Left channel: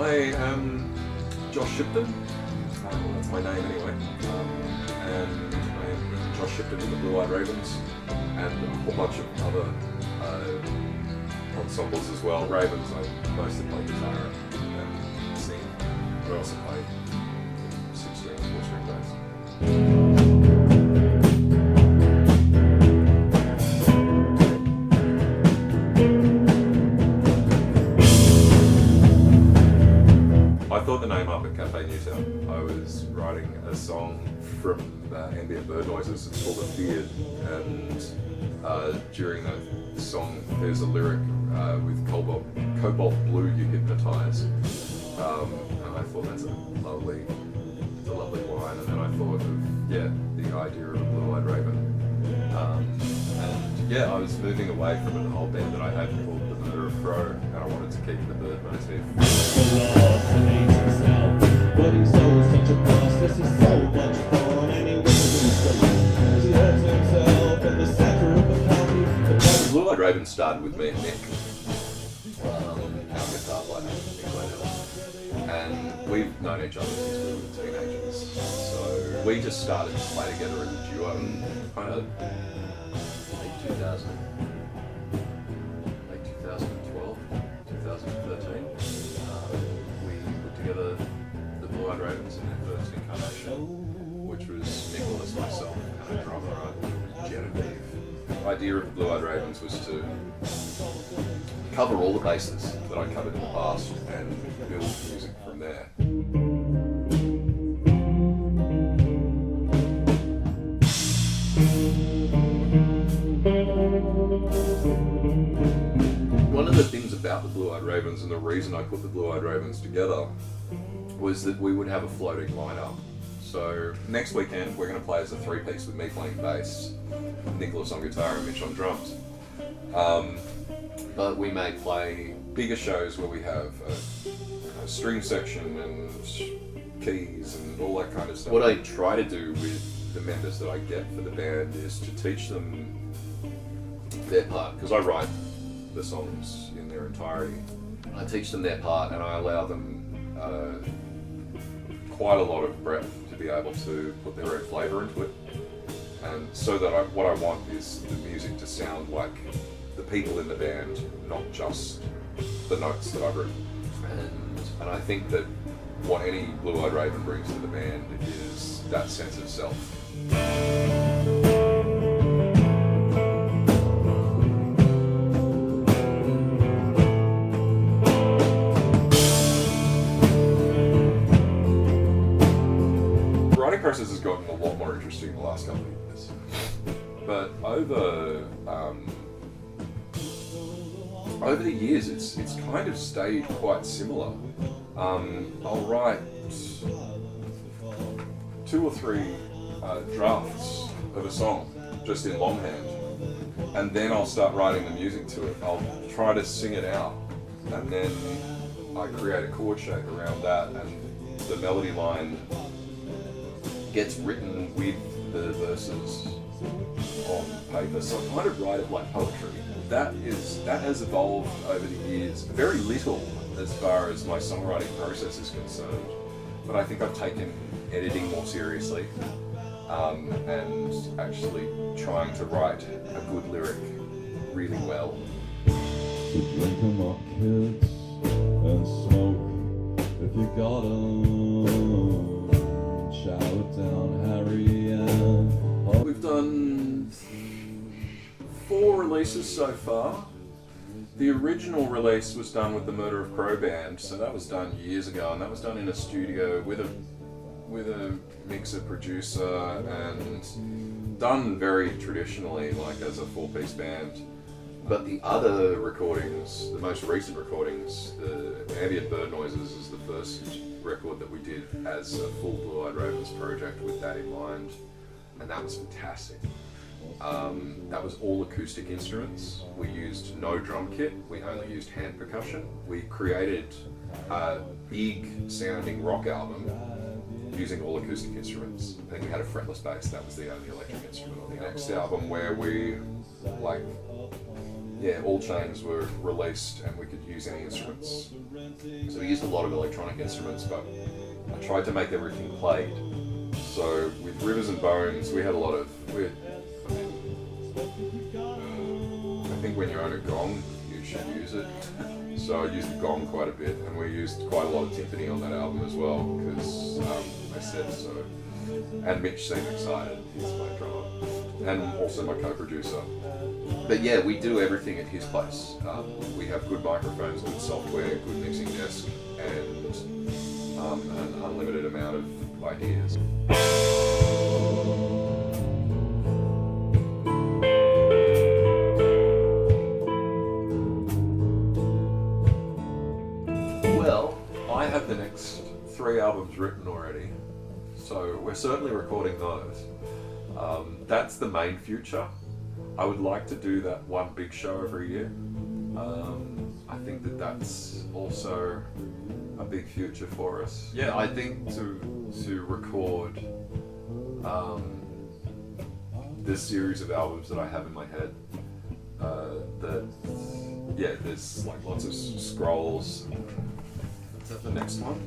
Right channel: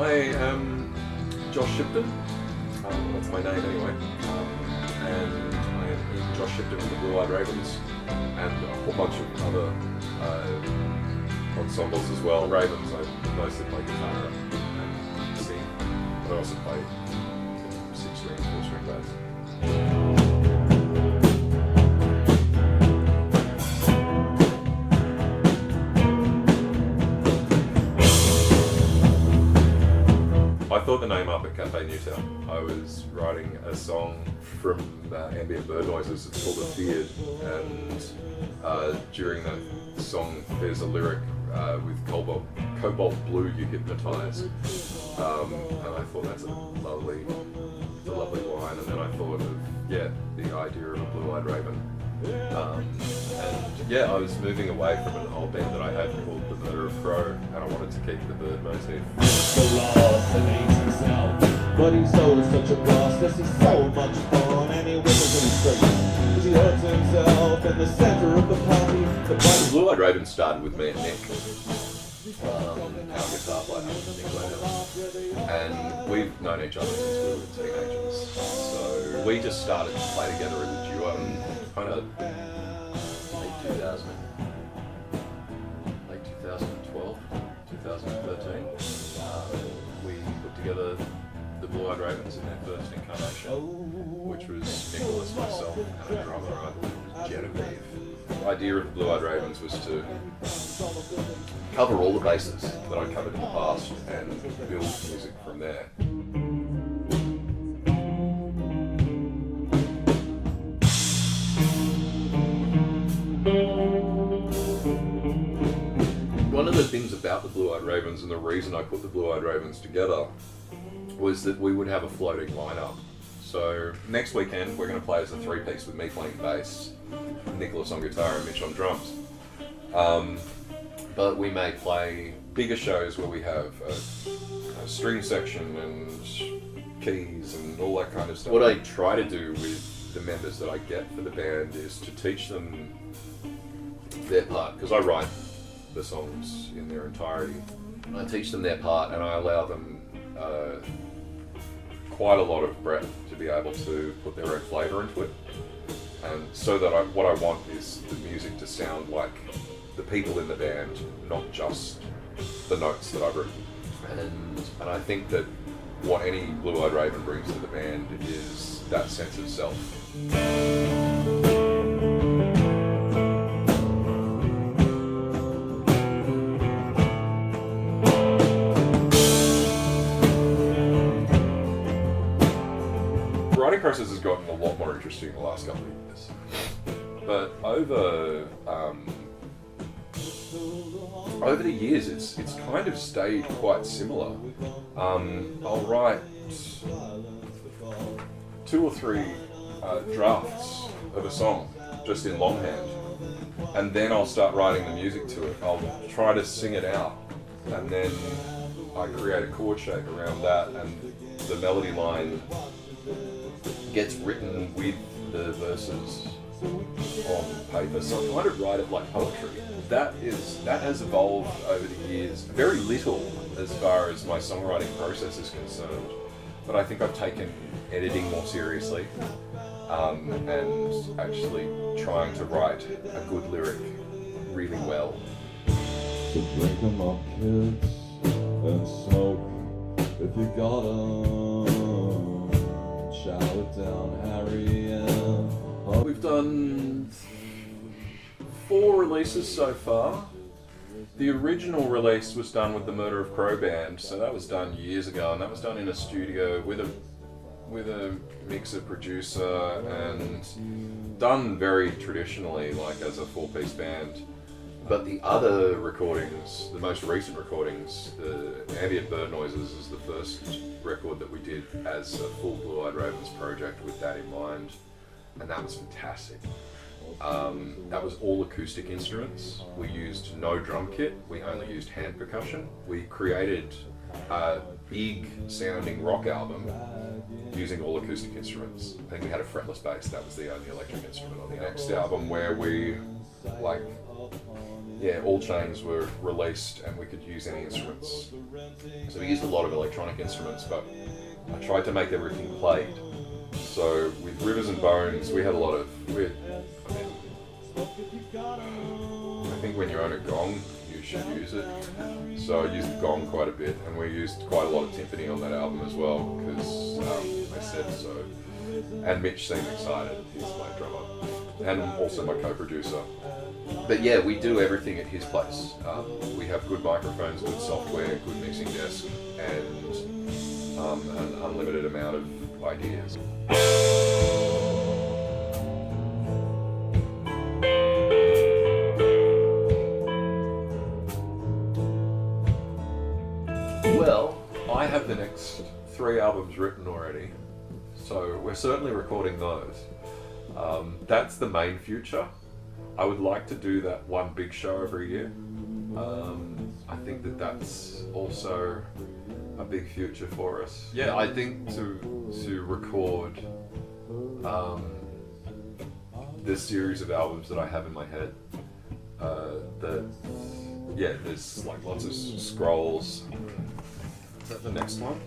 I am Josh Shipton. That's my name anyway. And I am in Josh Shipton with the Blue-Eyed Ravens and a whole bunch of other ensembles as well. Ravens, I mostly play guitar and sing, but I also play 6-string, 4-string bass. I thought the name up at Cafe Newtown. I was writing a song from ambient bird noises. It's called A Beard, and during that song there's a lyric with cobalt blue you hypnotise, and I thought that's a lovely line. And then I thought of the idea of a blue-eyed raven. And I was moving away from an old band that I had called The Murder of Crow, and I wanted to keep the bird motif. But he's always such a boss, this is so much fun, and he whistles in space. He hurts himself in the center of the party. The Blue-Eyed Raven started with me and Nick, our guitar player, Nick Glenhill. And we've known each other since we were teenagers. So we just started to play together as a duo, kind of late 2012, 2013. We put together the Blue-Eyed Ravens in their first incarnation, which was Nicholas, myself, and a drummer, Genevieve. The idea of the Blue-Eyed Ravens was to cover all the bases that I covered in the past and build music from there. One of the things about the Blue-Eyed Ravens, and the reason I put the Blue-Eyed Ravens together, was that we would have a floating lineup. So next weekend we're going to play as a 3-piece with me playing bass, Nicholas on guitar and Mitch on drums. But we may play bigger shows where we have a string section and keys and all that kind of stuff. What I try to do with the members that I get for the band is to teach them their part, because I write the songs in their entirety. I teach them their part and I allow them quite a lot of breadth to be able to put their own flavour into it. And so that what I want is the music to sound like the people in the band, not just the notes that I've written. And I think that what any Blue-Eyed Raven brings to the band is that sense of self. The writing process has gotten a lot more interesting in the last couple of years, but over the years it's kind of stayed quite similar. I'll write 2 or 3 drafts of a song just in longhand, and then I'll start writing the music to it. I'll try to sing it out, and then I create a chord shape around that, and the melody line gets written with the verses on paper. So I kind of write it like poetry. That has evolved over the years. Very little as far as my songwriting process is concerned, but I think I've taken editing more seriously, and actually trying to write a good lyric really well. So drink 'em up, kids, and smoke if you got 'em. Shout it down, Harry, and we've done 4 releases so far. The original release was done with the Murder of Crow band, so that was done years ago, and that was done in a studio with a mixer producer and done very traditionally, like as a 4-piece band. But the other recordings, the most recent recordings, the Ambient Bird Noises is the first record that we did as a full Blue-Eyed Ravens project with that in mind, and that was fantastic. That was all acoustic instruments. We used no drum kit, we only used hand percussion. We created a big sounding rock album using all acoustic instruments. I think we had a fretless bass, that was the only electric instrument on the next album, where we yeah, all chains were released and we could use any instruments. So we used a lot of electronic instruments, but I tried to make everything played. So with Rivers and Bones, we had a lot of. I think when you own a gong, you should use it. So I used the gong quite a bit, and we used quite a lot of timpani on that album as well, because I said so. And Mitch seemed excited, he's my drummer, and also my co-producer. But yeah, we do everything at his place. We have good microphones, good software, good mixing desk, and an unlimited amount of ideas. Well, I have the next 3 albums written already, so we're certainly recording those. That's the main future. I would like to do that one big show every year. I think that that's also a big future for us. Yeah, I think to record this series of albums that I have in my head, there's like lots of scrolls. Is that the next one?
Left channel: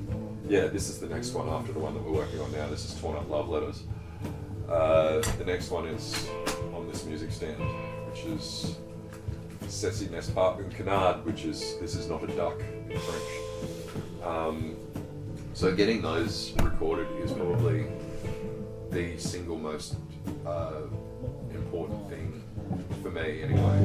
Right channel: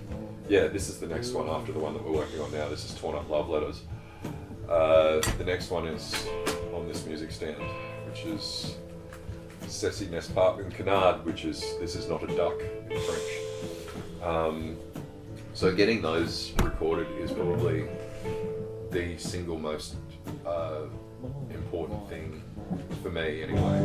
Yeah, this is the next one after the one that we're working on now. This is Torn Up Love Letters. The next one is on this music stand, which is Ceci n'est pas un canard, which is This Is Not a Duck in French. So getting those recorded is probably the single most important thing for me anyway.